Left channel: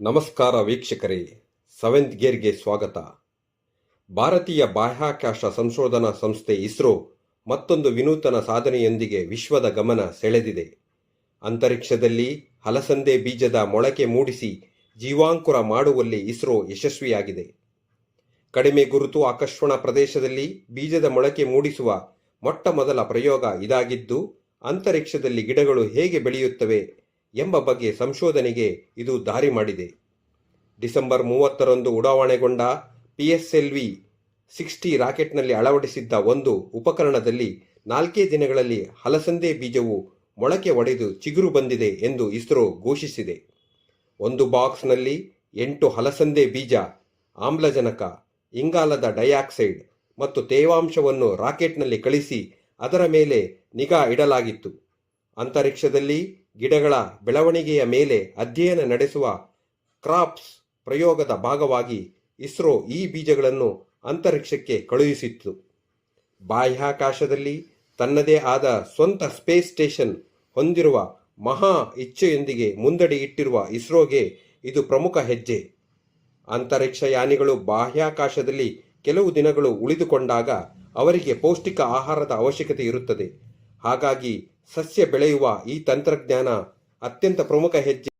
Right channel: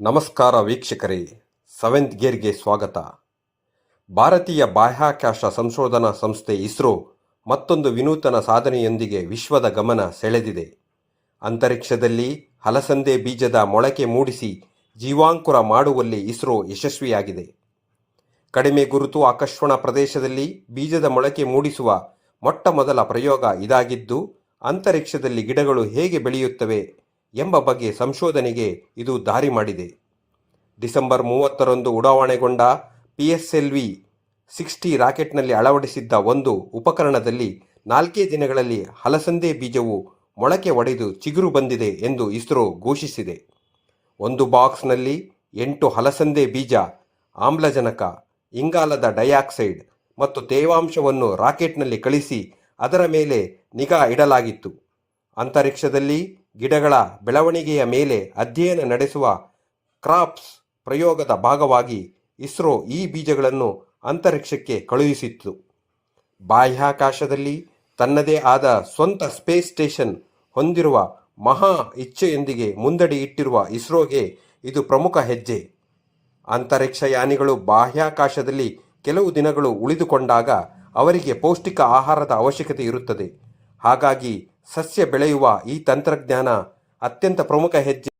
ನಮಸ್ಕಾರ ವೀಕ್ಷಕರೇ, ಸೆವೆಂತ್ ಗೇರ್ಗೆ ಸ್ವಾಗತ. ಭಾರತೀಯ ಬಾಹ್ಯಾಕಾಶ ಸಂಶೋಧನಾ ಸಂಸ್ಥೆ ಇಸ್ರೋ ಮತ್ತೊಂದು ವಿನೂತನ ಸಾಧನೆಯೊಂದಿಗೆ ವಿಶ್ವದ ಗಮನ ಸೆಳೆದಿದೆ. ಅಂತರಿಕ್ಷದಲ್ಲಿ ಹಲಸಂದೆ ಬೀಜದ ಮೊಳಕೆ ಮೂಡಿಸಿ ಜೀವಾಂಕುರ ಮಾಡುವಲ್ಲಿ ಇಸ್ರೋ ಯಶಸ್ವಿಯಾಗಿದೆ. ಕಡಿಮೆ ಗುರುತು ಆಕರ್ಷಣ ಪ್ರದೇಶದಲ್ಲಿ ಬೀಜದ ಮೊಳಕೆ ಮೂಡಿಸುವ ಮೊಟ್ಟ ಮೊದಲ ಪ್ರಯೋಗ ಇದಾಗಿದ್ದು, ಅಂತರಿಕ್ಷದಲ್ಲಿ ಗಿಡಗಳು ಹೇಗೆ ಬೆಳೆಯುತ್ತವೆ ಎಂಬ ಬಗ್ಗೆ ಸಂಶೋಧನೆಗೆ ಇದು ದಾರಿ ಮಾಡಿದೆ. ಡಿಸೆಂಬರ್ 30ರಂದು ಉಡಾವಣೆಗೊಂಡ PSLV-60 ರಾಕೆಟ್ನಲ್ಲಿ ಅಳವಡಿಸಿದ್ದ ಒಂದು ಉಪಕರಣದಲ್ಲಿ 4 ದಿನಗಳಲ್ಲಿ ಹಲಸಂದೆ ಬೀಜವು ಮೊಳಕೆ ಒಡೆದು ಚಿಗುರು ಬಂದಿದೆ ಎಂದು ಇಸ್ರೋ ಘೋಷಿಸಿದೆ. ಒಂದು ಬಾಕ್ಸ್ನಲ್ಲಿ 8 ಹಲಸಂದೆ ಬೀಜ, ಆಮ್ಲಜನಕ, ಇಂಗಾಲದ ಡೈಆಕ್ಸೈಡ್ ಮತ್ತು ತೇವಾಂಶವನ್ನು ರಾಕೆಟ್ನಲ್ಲಿ ಕಳಿಸಿ ಅದರ ಮೇಲೆ ನಿಗಾ ಇಡಲಾಗಿತ್ತು. ಅಂತರಿಕ್ಷದಲ್ಲಿ ಗಿಡಗಳ ಬೆಳವಣಿಗೆಯ ಮೇಲೆ ಅಧ್ಯಯನ ನಡೆಸುವ ಕ್ರಾಪ್ಸ್ ಪ್ರಯೋಗದ ಭಾಗವಾಗಿ ಇಸ್ರೋ ಈ ಬೀಜಗಳನ್ನು ಅಂತರಿಕ್ಷಕ್ಕೆ ಕಳುಹಿಸಿತ್ತು. ಬಾಹ್ಯಾಕಾಶದಲ್ಲಿ ತನ್ನದೇ ಆದ ಸ್ವಂತ ಸ್ಪೇಸ್ ಸ್ಟೇಷನ್ ಹೊಂದಿರುವ ಮಹಾ ಇಚ್ಛೆಯೊಂದಿಗೆ ಮುಂದಡಿ ಇಟ್ಟಿರುವ ಇಸ್ರೋಗೆ ಇದು ಪ್ರಮುಖ ಹೆಜ್ಜೆ. ಅಂತರಿಕ್ಷಯಾನಿಗಳು ಬಾಹ್ಯಾಕಾಶದಲ್ಲಿ ಕೆಲವು ದಿನಗಳು ಉಳಿದುಕೊಂಡಾಗ ಅವರಿಗೆ ಪೌಷ್ಟಿಕ ಆಹಾರದ ಅವಶ್ಯಕತೆ ಇರುತ್ತದೆ. ಹಾಗಾಗಿ ಸಸ್ಯ ಬೆಳೆಯುವ ಈ ತಂತ್ರಜ್ಞಾನ ಅತ್ಯಂತ ಪ್ರಮುಖ ಹೆಜ್ಜೆ.